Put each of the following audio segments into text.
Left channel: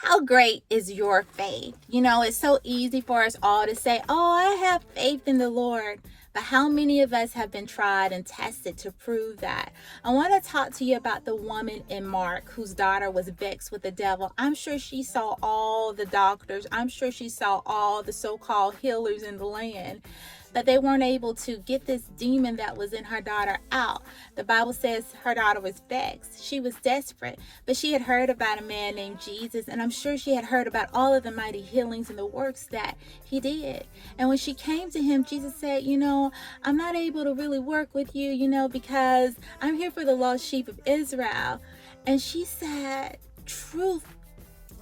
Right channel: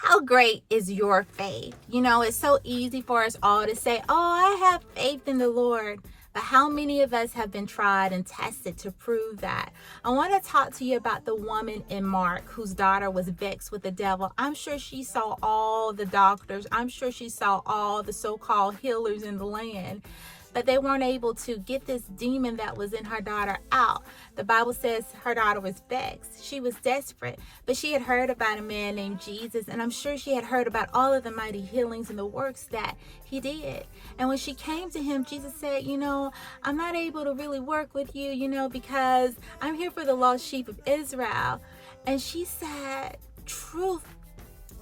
How great is your faith? You know, it's so easy for us all to say, oh, I have faith in the Lord. But how many of us have been tried and tested to prove that? I want to talk to you about the woman in Mark whose daughter was vexed with the devil. I'm sure she saw all the doctors. I'm sure she saw all the so-called healers in the land. But they weren't able to get this demon that was in her daughter out. The Bible says her daughter was vexed. She was desperate, but she had heard about a man named Jesus, and I'm sure she had heard about all of the mighty healings and the works that he did. And when she came to him, Jesus said, I'm not able to really work with you, because I'm here for the lost sheep of Israel. And she said, truth,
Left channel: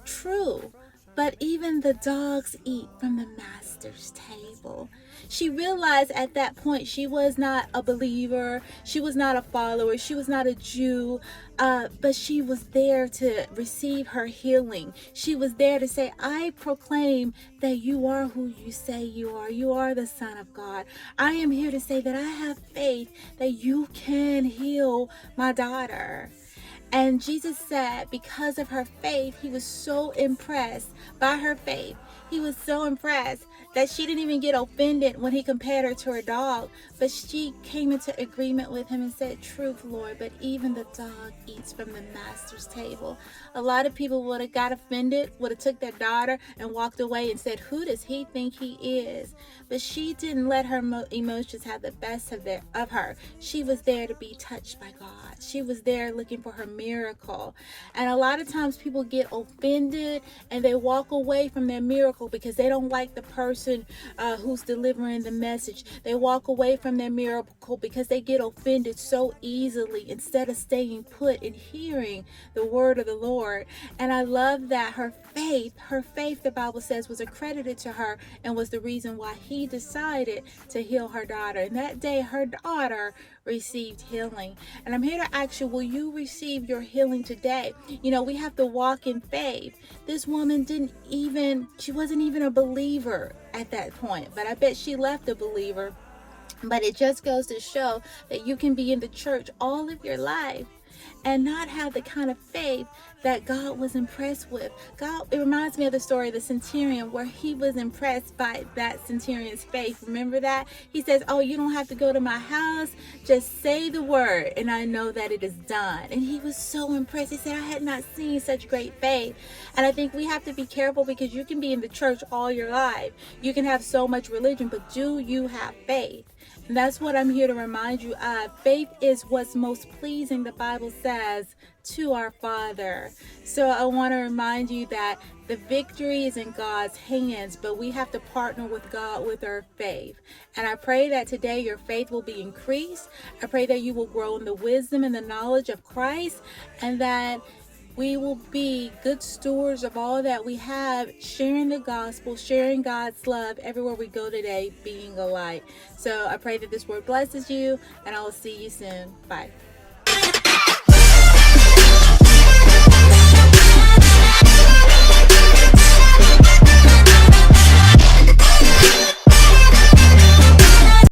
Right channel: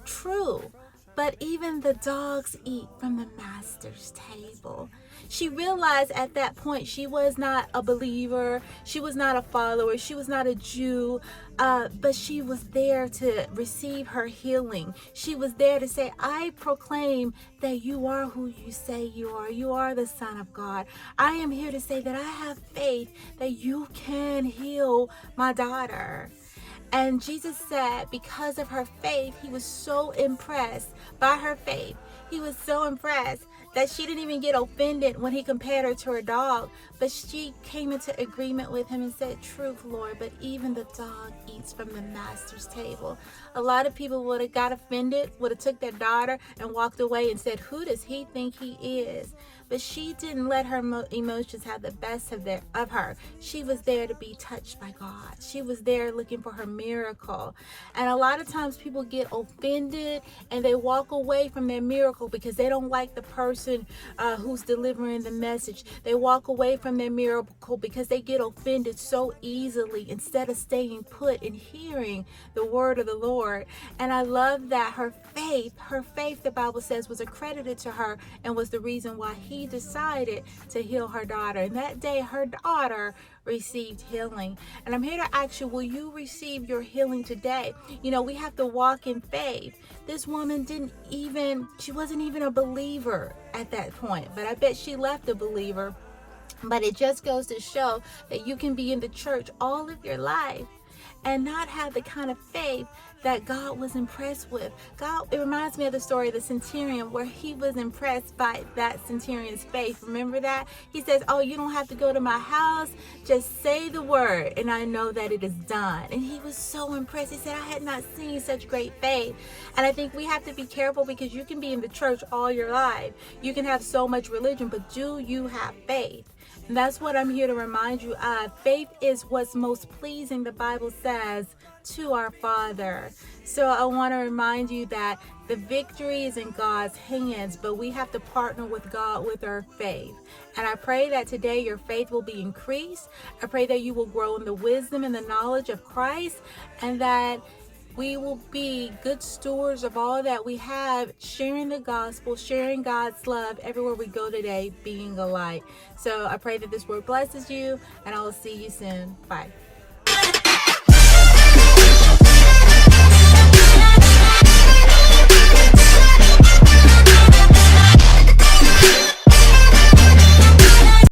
true. But even the dogs eat from the master's table. She realized at that point she was not a believer. She was not a follower. She was not a Jew. But she was there to receive her healing. She was there to say, I proclaim that you are who you say you are. You are the Son of God. I am here to say that I have faith that you can heal my daughter. And Jesus said because of her faith, he was so impressed by her faith. He was so impressed that she didn't even get offended when he compared her to her dog. But she came into agreement with him and said, truth, Lord, but even the dog eats from the master's table. A lot of people would have got offended, would have took their daughter and walked away and said, who does he think he is? But she didn't let her emotions have the best of her. She was there to be touched by God. She was there looking for her miracle. And a lot of times people get offended and they walk away from their miracle because they don't like the person who's delivering the message. They walk away from their miracle because they get offended so easily instead of staying put and hearing the word of the Lord. And I love that her faith, the Bible says, was accredited to her and was the reason why he decided to heal her daughter. And that day, her daughter received healing. And I'm here to ask you, will you receive your healing today? We have to walk in faith. This woman she wasn't even a believer at that point, but I bet she left a believer. But it just goes to show that you can be in the church all of your life and not have the kind of faith that God was impressed with. It reminds me of the story of the centurion where he was impressed by that centurion's faith. Remember that? He says, oh, you don't have to go to my house. Just say the word and I know that it is done. And he was so impressed. He said, I had not seen such great faith. And I think we have to be careful because you can be in the church all your life. You can have so much religion, but do you have faith? And that's what I'm here to remind you of. Faith is what's most pleasing, the Bible says, to our Father. So I want to remind you that the victory is in God's hands, but we have to partner with God with our faith. And I pray that today your faith will be increased. I pray that you will grow in the wisdom and the knowledge of Christ, and that we will be good stewards of all that we have, sharing the gospel, sharing God's love everywhere we go today, being a light. So I pray that this word blesses you, and I will see you soon. Bye.